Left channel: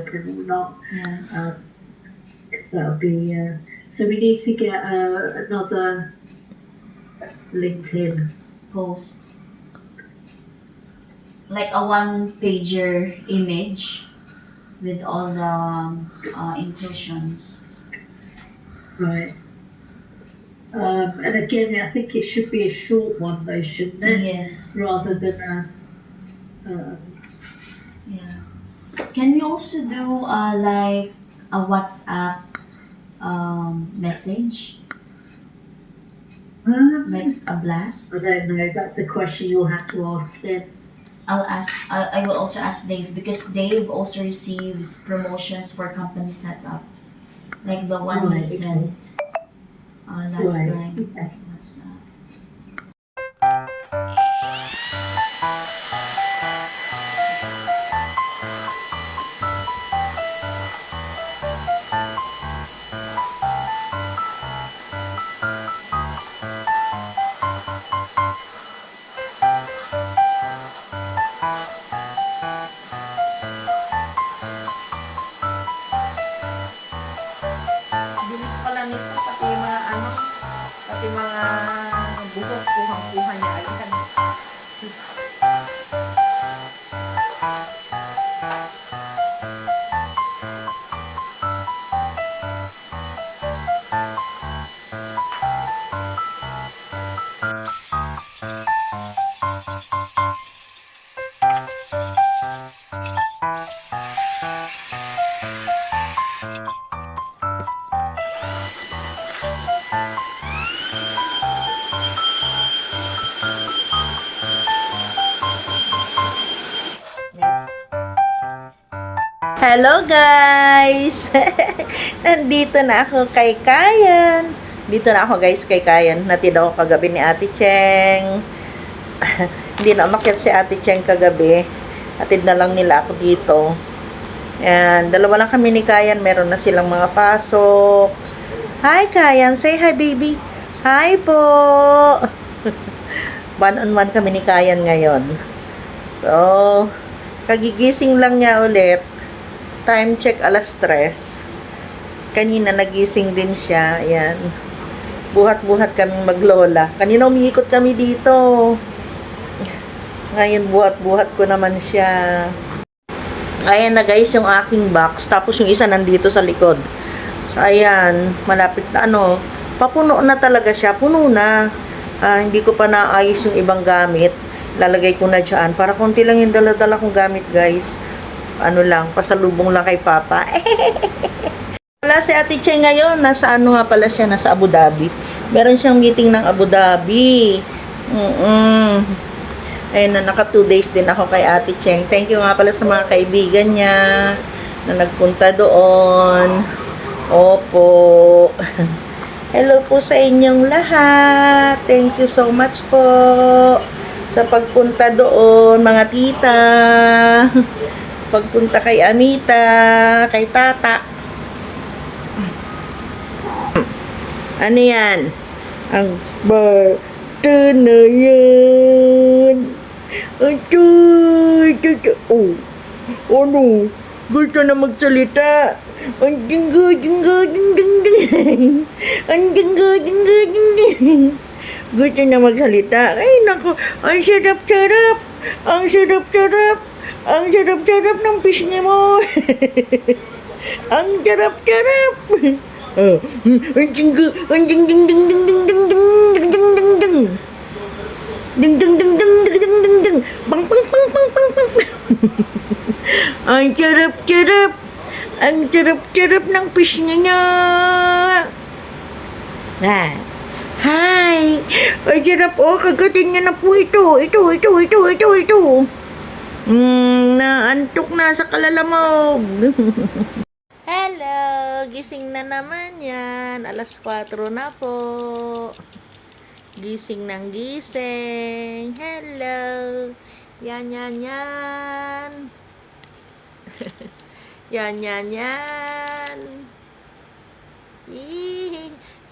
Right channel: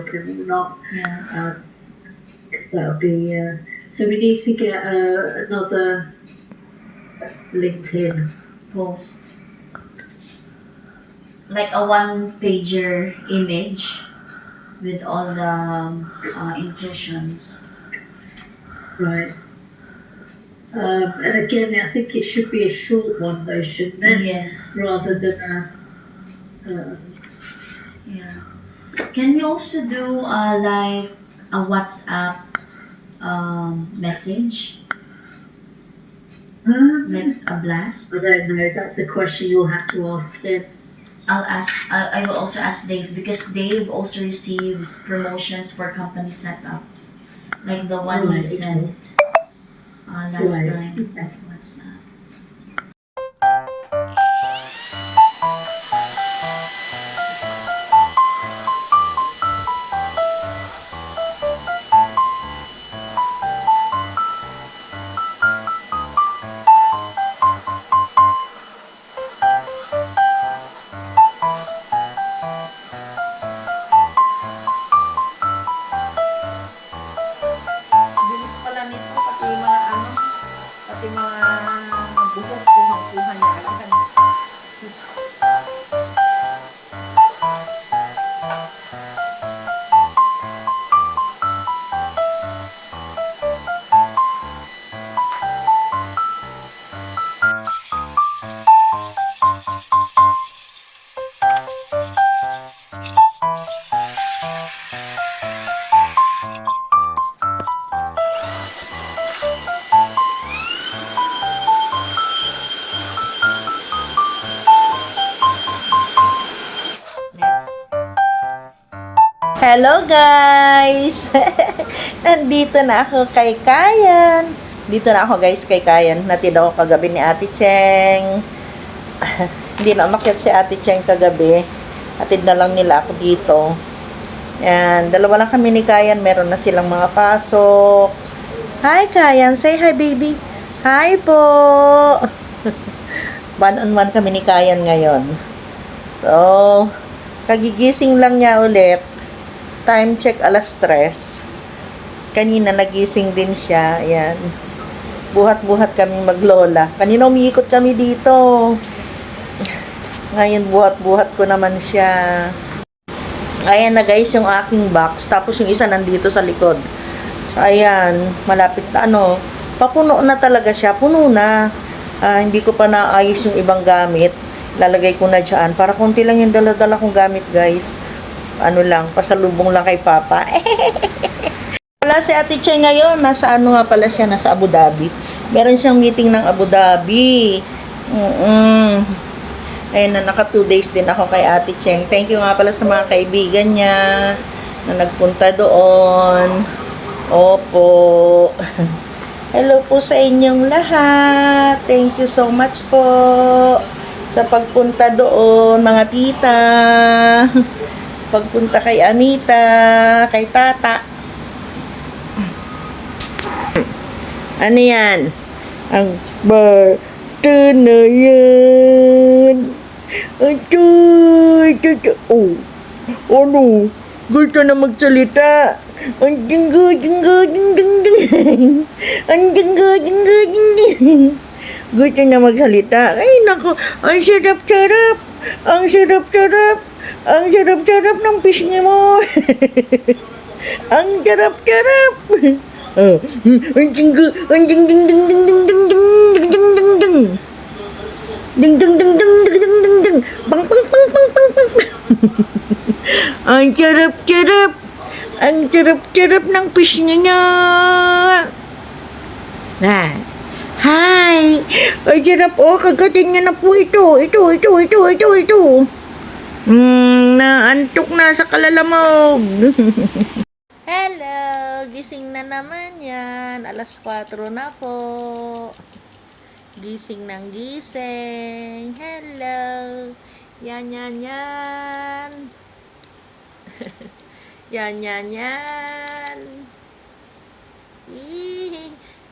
open or not. Yeah. Because that'll be. So we need to get another LinkedIn Post. Like a one-pager image with all the inclusions. Right. And again, I think it should be a short one though, shouldn't it? Yes. Rather than Yeah. Can we also do like a WhatsApp message? Like a blast? I don't know. That's a question you'll have to ask him. I will also ask Dave because Dave also receives promotions for company setups. Like the one he Right, sent last Right, time. okay. WhatsApp. Bilis pala nito, pati mga pati mga buhok, kuhang-kuha niya agad. Hello guys! Nandito na ako kay Kayan. Dito na ako guys kay Kayan. Natid ako kagabi ni Ate Cheng. Hindi na umakyat si Ate Cheng kagabi. Atid na lang nila ako dito. Yan, dalawa lang kami ni Kayan. Meron na silang mga pasok. Hi Kayan! Say hi baby! Hi po! One-on-one kami ni Kayan ngayon. So, kagigising lang niya ulit. Time check alas 3. Kanina nagising din siya. Ayan. Buhat-buhat kaming maglola. Kanina umiikot kami dito. Ngayon buhat-buhat ko naman siya. Ayan na guys yung aking box. Tapos yung isa nandito sa likod. So ayan. Malapit na papuno na talaga siya. Puno na. Hindi ko pa naayos yung ibang gamit. Lalagay ko na dyan. Para konti lang yung dala-dala kong gamit guys. Pasalubong lang kay Papa. Wala si Ate Cheng ngayon. Nasa nga pala siya? Nasa Abu Dhabi. Meron siyang meeting ng Abu Dhabi. Ayun na, naka 2 days din ako kay Ate Cheng. Thank you nga pala sa mga kaibigan niya na nagpunta doon. Opo. Hello po sa inyong lahat. Thank you so much po sa pagpunta doon, mga tita. Pagpunta kay Anita, kay Tata. Ano yan? Ang bata na yan. Oh, ano? Gusto na magsalita. Ang dinggo, dinggo, ding, ding, ding. Ang dinggo, dinggo, ding, ding. Gusto na magsalita. Ay, naku. Ang sarap-sarap. Ang sarap-sarap. Ang sarap-sarap ng pisngi mo. Ang sarap-sarap. Ang dinggo, ang ding ding ding ding ding ding ding ding ding ding. Ding ding ding ding ding ding ding ding. Bang bang bang bang bang bang. Ang sarap-sarap. Ang sarap-sarap ng pisngi niya. Hi. Ang sarap kagatin niya na po ito. Ito. Naantok na sa kalalamog. Hello, gising na naman yan. Alas 4 na po. Gising ng gising. Hello. Yan. Yan.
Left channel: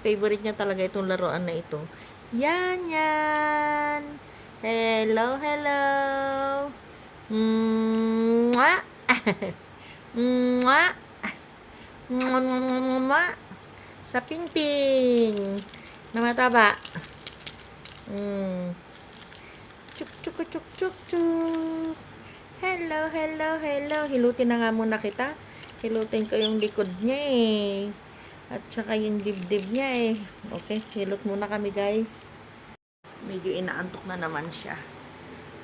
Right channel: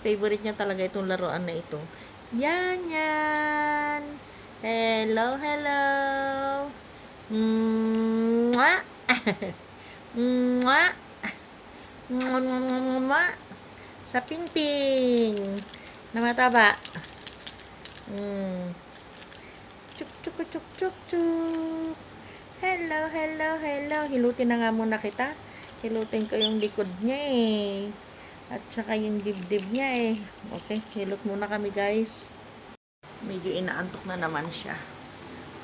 Favorite niya talaga itong laruan na ito. Yan. Hello. Mwah. Mwah! Mwah, mwah, mwah, mwah. Sa pingping na mataba. Chuk, chuk, chuk, chuk, chuk. Hello, hello, hello. Hilutin na nga muna kita. Hilutin ko yung likod niya eh. At saka yung dibdib niya eh. Okay, hilot muna kami guys. Medyo inaantok na naman siya.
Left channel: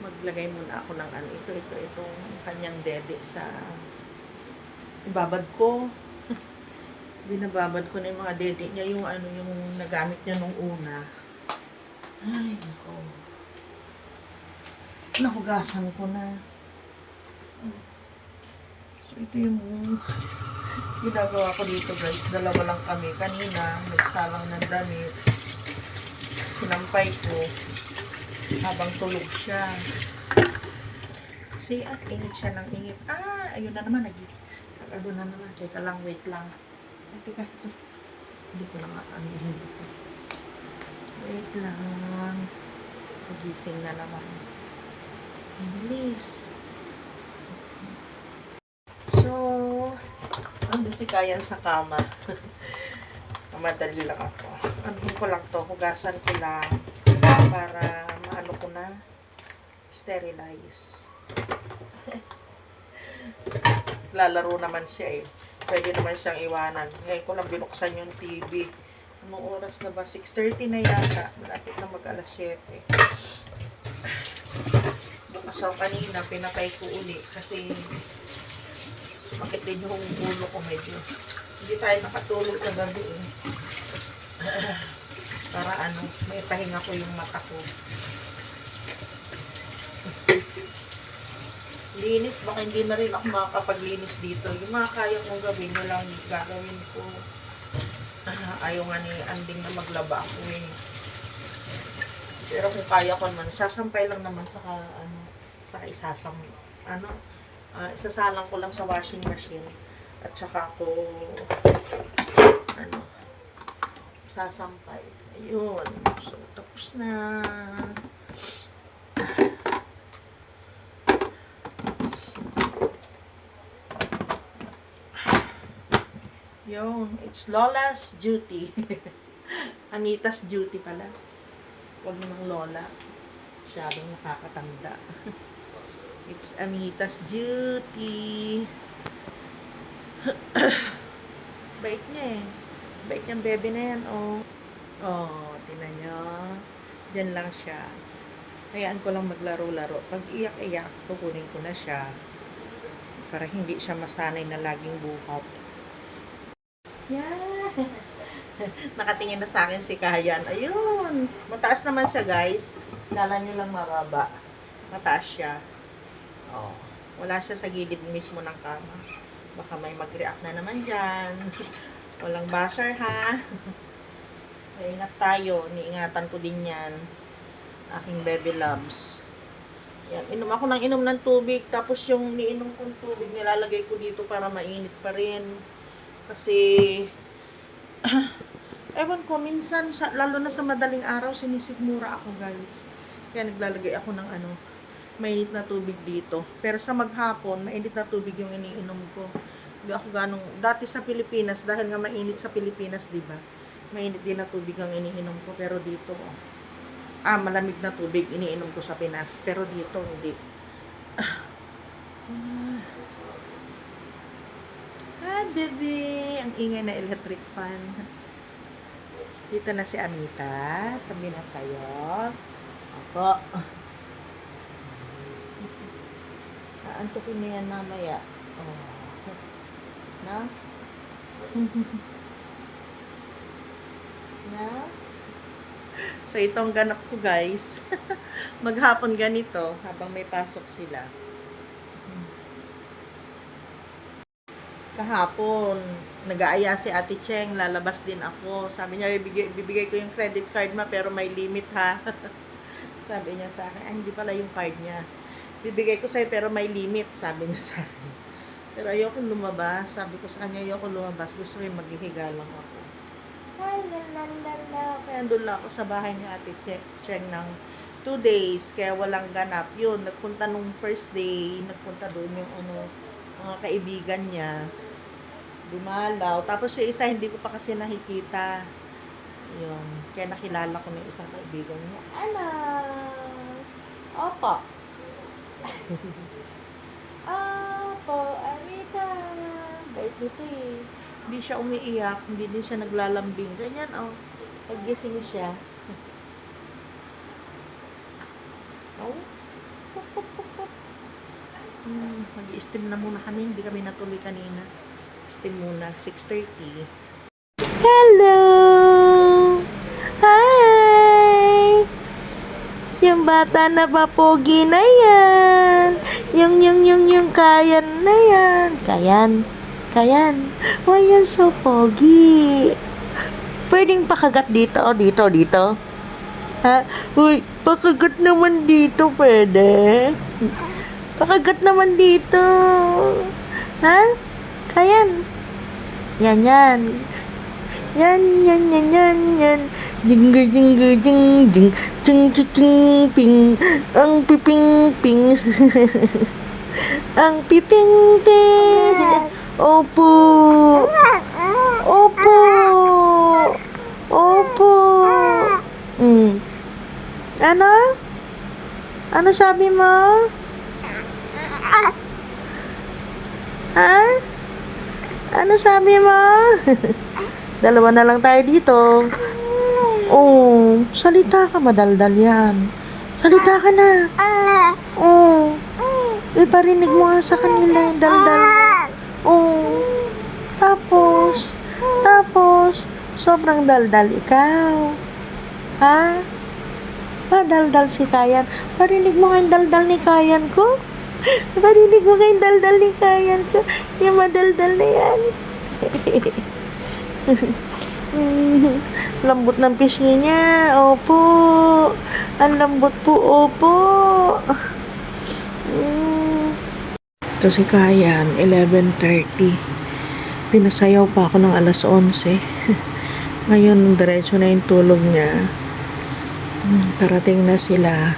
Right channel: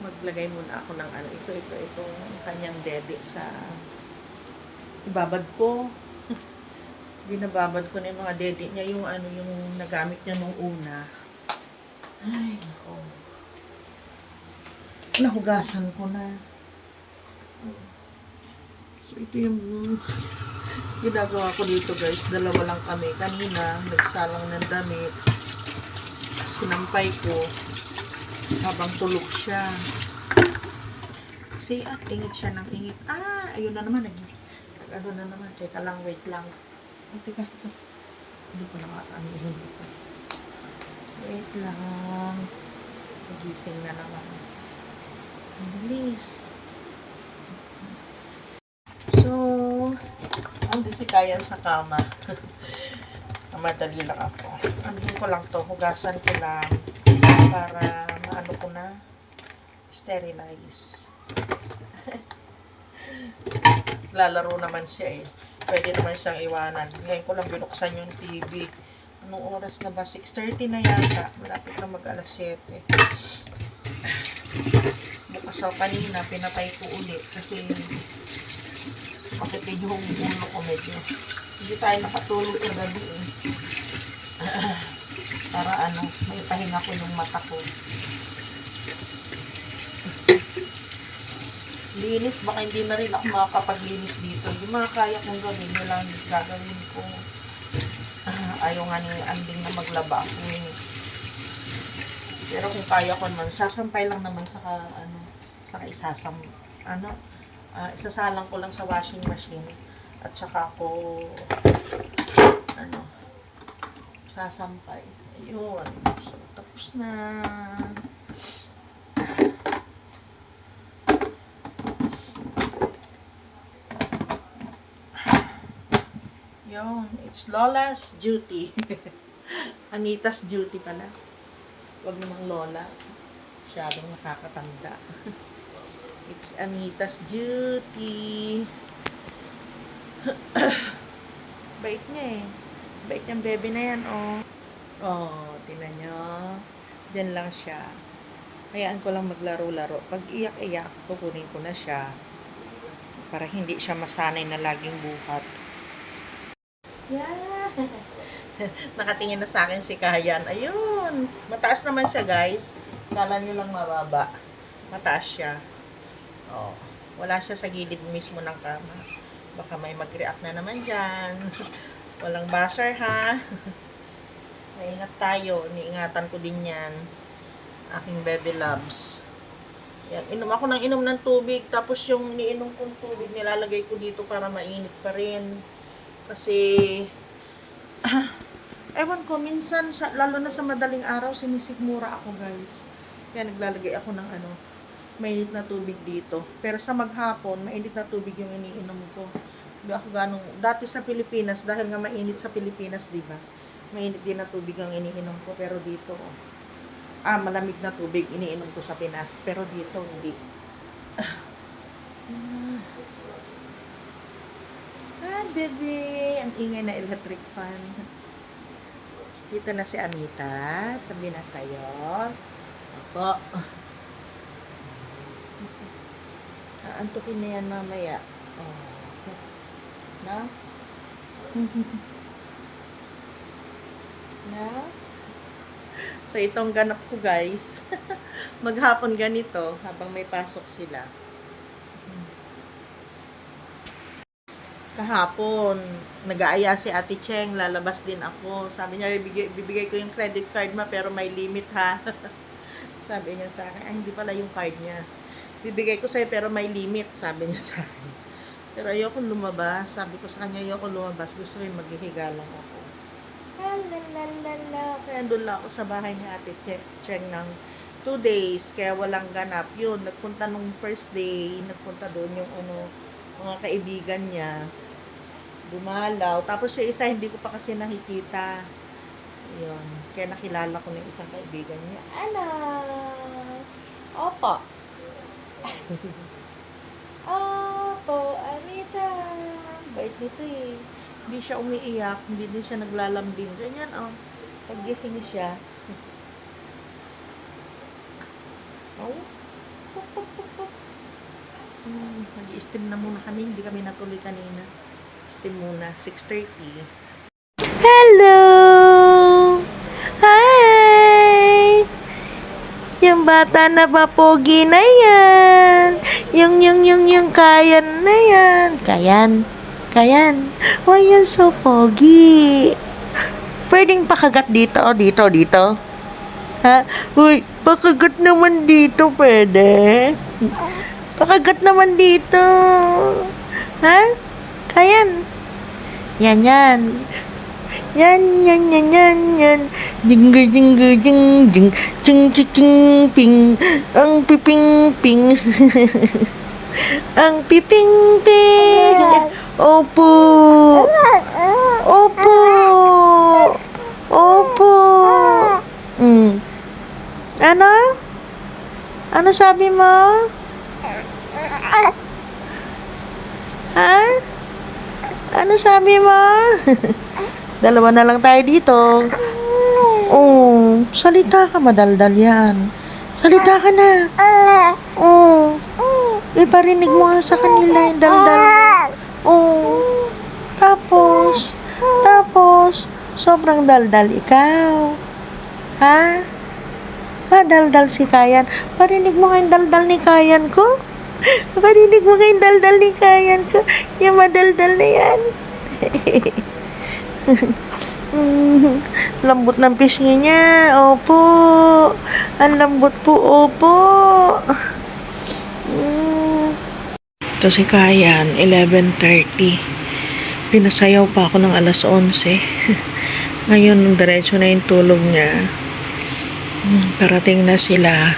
Maglagay muna ako ng ano. Itong kanyang dede sa ibabad ko. Binababad ko na yung mga dede niya. Yung ano, yung nagamit niya nung una. Ay, nako. Nahugasan ko na. So, ito yung ginagawa ko dito guys. Dalawa lang kami. Kanina, nagsalang ng damit. Sinampay ko habang tulog siya. Kasi at ingit siya ng ingit. Ayun na naman. Nag-ano na naman. Teka lang, wait lang. Ay, teka. Ito. Hindi ko na anihin ito. Wait lang. Nagising na naman. Ang bilis. So, ando si Kayan sa kama. Madali lang ako. Anuhin ko lang to, hugasan ko lang para maano ko na sterilize. Lalaro naman siya eh. Pwede naman siyang iwanan. Ngayon ko lang binuksan yung TV. Anong oras na ba? 6:30 na yata. Malapit na mag-alas 7. Bukas ako kanina, pinatay ko ulit kasi makitid yung ulo ko medyo. Hindi tayo nakatulog na gabi eh. Para ano, may pahinga ko yung mata ko. Linis, baka hindi na rin ako makakapaglinis dito. Yung mga kaya kong gawin, yun lang yung gagawin ko. Ayaw nga ni Anding na maglaba ako eh. Pero kung kaya ko naman, sasampay lang naman sa isasalang ko lang sa washing machine. At saka ako sasampay. Ayun. So, tapos na. Yun. It's Lola's duty. Anita's duty pala. Huwag namang Lola. Masyadong nakakatanda. It's Anita's duty. Bait niya eh. Bait niyang bebe na yan, oh. Oh, tingnan niyo. Diyan lang siya. Hayaan ko lang maglaro-laro. Pag iyak-iyak, kukunin ko na siya. Para hindi siya masanay na laging buhat. Yeah. Nakatingin na sa akin si Kayan. Ayun. Mataas naman siya, guys. Kala nyo lang mababa. Mataas siya. Oh. Wala siya sa gilid mismo ng kama. Baka may mag-react na naman dyan. Walang basher, ha? Ingat tayo. Niingatan ko din yan. Aking baby loves. Yan. Inom ako ng inom ng tubig. Tapos yung iniinom kong tubig, nilalagay ko dito para mainit pa rin. Kasi, ewan ko, minsan, lalo na sa madaling araw, sinisigmura ako, guys. Kaya naglalagay ako ng mainit na tubig dito. Pero sa maghapon, mainit na tubig yung iniinom ko. Hindi ako dati sa Pilipinas, dahil nga mainit sa Pilipinas, di ba? Mainit din na tubig ang iniinom ko. Pero dito, malamig na tubig iniinom ko sa Pinas. Pero dito, hindi. Bebe, ang ingay na electric fan. Dito na si Amita. Tabi na sa'yo. Opo. Aantukin na yan mamaya. Oh. Na? Na? So, itong ganap ko, guys. Maghapon ganito habang may pasok sila. Kahapon, nag-aaya si Ate Cheng, lalabas din ako. Sabi niya, bibigay ko yung credit card ma, pero may limit ha. Sabi niya sa akin, hindi pala yung card niya. Bibigay ko sa'yo, pero may limit, sabi niya sa akin. Pero ayoko lumabas. Sabi ko sa kanya, ayoko lumabas. Gusto ko yung maghihiga lang ako. Lalalala. Kaya doon lang ako sa bahay ni Ate Cheng ng 2 days. Kaya walang ganap. Yun, nagpunta nung first day, nagpunta doon yung mga kaibigan niya. Dumalaw. Tapos yung isa, hindi ko pa kasi nakikita. Yun. Kaya nakilala ko na yung isang kaibigan niya. Ano? Opo. Opo, Anita. Bait nito eh. Hindi siya umiiyak. Hindi din siya naglalambing. Ganyan, oh. Pag-gising siya. Oh. Pop, pop, pop, pop. Mag-i-steam na muna kami. Hindi kami natuloy kanina. Steam muna. 6:30. Hello! Hi! Yung bata na papogi na yan. Yung kayan na yan. Kayan. Why you're so pogi? Pwedeng pakagat dito o dito. Ha? Uy, pakagat naman dito, pwede? Pakagat naman dito. Ha? Kayan. Yan. Yan. Jing, ping. Ang piping. Ang piping. Opo. Ano? Ano sabi mo? Ha? Ano sabi mo? Dalawa na lang tayo dito. Oh, salita ka, madaldal yan. Salita ka na. Oh. Iparinig mo nga sa kanila yung daldal. Oh. Tapos, sobrang daldal ikaw. Ha? Madaldal si Kayan. Parinig mo nga yung daldal ni Kayan ko. Parinig mo nga yung daldal ni Kayan ko. Yung madaldal na yan. Lambot ng pisngi niya. Opo. Ang lambot po. Opo. Ito si Kayan. 11:30. Pinasayaw pa ako ng alas 11. Ngayon, diretso na yung tulog niya. Parating na sila.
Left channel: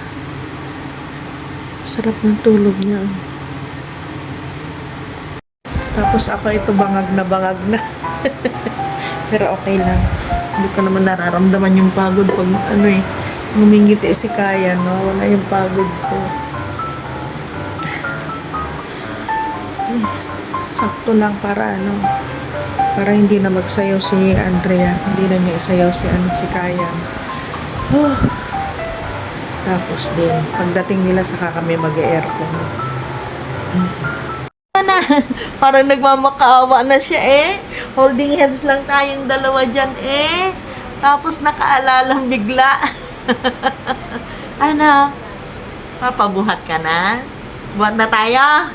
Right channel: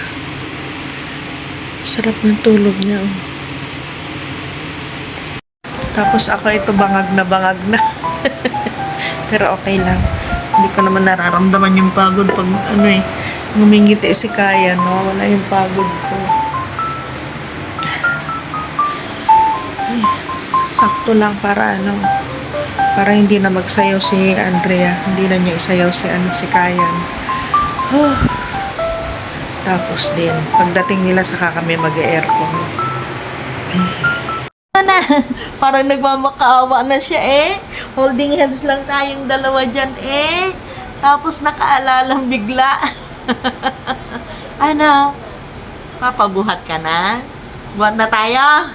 Sarap ng tulog niya. Tapos ako ito bangag na. Pero okay lang. Hindi ko naman nararamdaman yung pagod pag ngumingiti si Kayan. Wala yung pagod ko. Sakto lang para hindi na magsayaw si Andrea. Hindi na niya isayaw si Kayan. Tapos din, pagdating nila saka kami mag-aircon. Parang nagmamakaawa na siya eh. Holding hands lang tayong dalawa dyan eh. Tapos nakaalalang bigla. Ano? Papabuhat ka na? Buhat na tayo?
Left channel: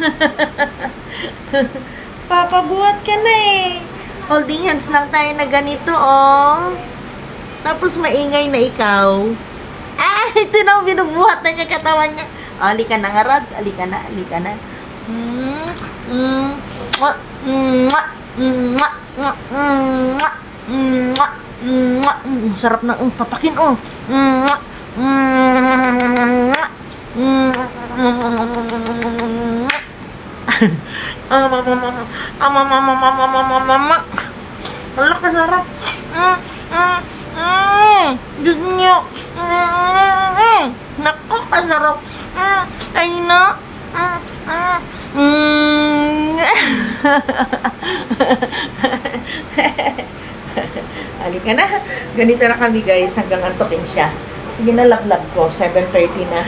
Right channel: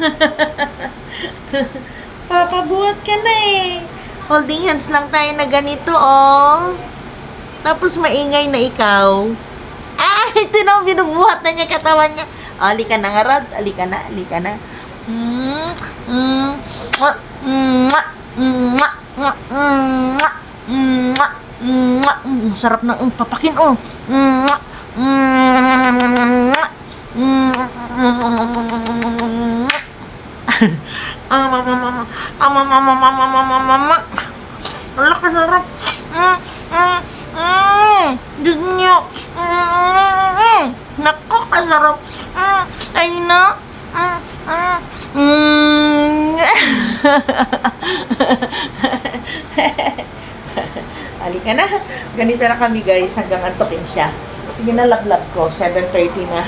Papabuhat ka na eh. Holding hands lang tayo na ganito oh. Tapos maingay na ikaw. Ito na, binubuhat na niya katawan niya. Alika na nga, Rod. Alika na. Sarap na papakin oh. Wala ka sarap. Diyos niyo. Nako, kasarap. Ay na. Halika na. Ganito na kami guys hanggang antokin siya. Sige na, lablab ko. 7:30 na.